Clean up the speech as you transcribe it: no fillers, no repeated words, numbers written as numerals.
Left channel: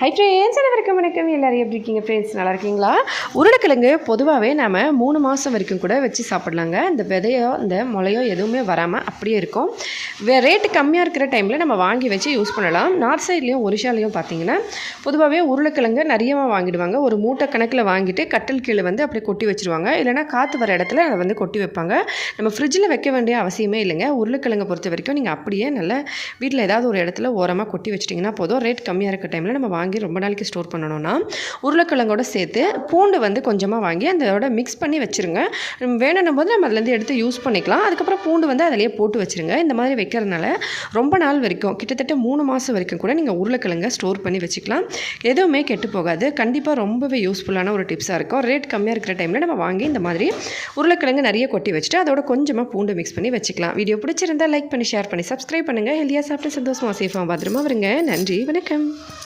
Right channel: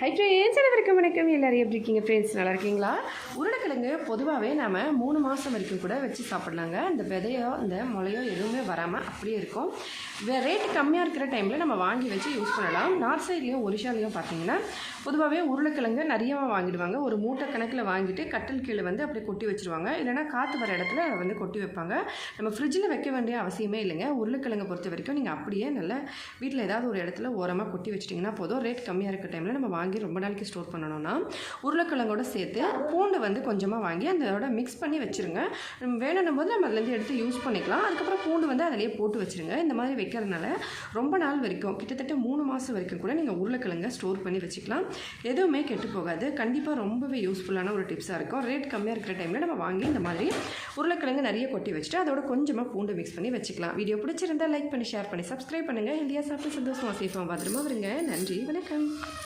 Hi friends, அனைவருக்கும் வணக்கம். எல்லோரும் எப்படி இருக்கீங்க ஃப்ரெண்ட்ஸ்? நல்லா இருக்கீங்களா? உருளைக்கிழங்கு பொதுவாகவே நம்ம 3 மாதம் வரைக்கும் கூட வச்சு சாப்பிட்லாங்க. இந்த விதையோ இந்த முளையோ எதுவுமே வராமல் அப்படியே இருக்கும். ரேட்டு கம்மியாக இருக்கிற டைமில் நம்ம வாங்கி வச்சு யூஸ் பண்ணலாம். நார்த் சைட்லேயும் ஒரிஷாலையும் பார்த்தீங்கன்னா பொதுவாகவே உருளைக்கிழங்கு நிறையமாக வாங்கிடுவாங்க. ஒரு மூட்டை கணக்கில் வாங்கிட்டு கட்டல் கீழே அப்படியே கொட்டி வச்சுருவாங்க. இல்லைனா காற்று வர இடத்துல அதை கொட்டி வைப்பாங்க. நம்ம ஃப்ரிட்ஜில் வைக்க வேண்டிய அவசியமே இல்லைங்க. உருளைக்கிழங்கை பொறுத்த வரைக்கும் நீங்கள் அப்படியே நல்லா வீட்டில் ஏதாவது ஒரு இடத்துல ஓரமாக கொட்டி வச்சிட்டிங்கன்னா போதும். ரேட் கம்மியாக இருக்க டைமில் நம்ம வாங்கி ரொம்ப நாளைக்கு ஸ்டோர் பண்ணணும்னா உருளைக்கிழங்கோட சேர்த்து பூண்டு கொஞ்சமாக வாங்கி அதோட மிக்ஸ் பண்ணி வச்சுருங்க. வேணும்னும் போது நம்ம அதுலேருந்து எடுத்து யூஸ் பண்ணிக்கலாம். அதுக்கப்புறம் பூண்டு அதிலேயே போட்டு வச்சுருங்க. இந்த மாதிரி வைக்கிறதுனால ரொம்ப நாள் வரைக்கும் கிட்டத்தட்ட 3 மாதம் வரைக்கும் கூட நீங்கள் உருளைக்கிழங்கை ஸ்டோர் பண்ணி வச்சுக்கலாம். எதுவுமே கெட்டு போகாது. கண்டிப்பாக ரொம்பவே யூஸ்ஃபுல்லான ஒரு டிப்ஸாக இருக்கும். ரேட் கம்மியாக இருக்கிற டைமில் நம்ம வாங்கி இந்த மாதிரி உருளைக்கிழங்கு நிறைய கொட்டி வச்சுட்டு அதோட கொஞ்சமாக பூண்டு மிக்ஸ் பண்ணி வச்சுக்கலாம். வீடியோ பிடிச்சிருந்தால் லைக் பண்ணி ஷேர் பண்ணி சப்ஸ்கிரைப் பண்ணுங்கள். ஹெல்தியாக சாப்பிட்டு சந்தோஷமாக சேஃபாக பத்திரமா வருங்க. நன்றி, வணக்கம்.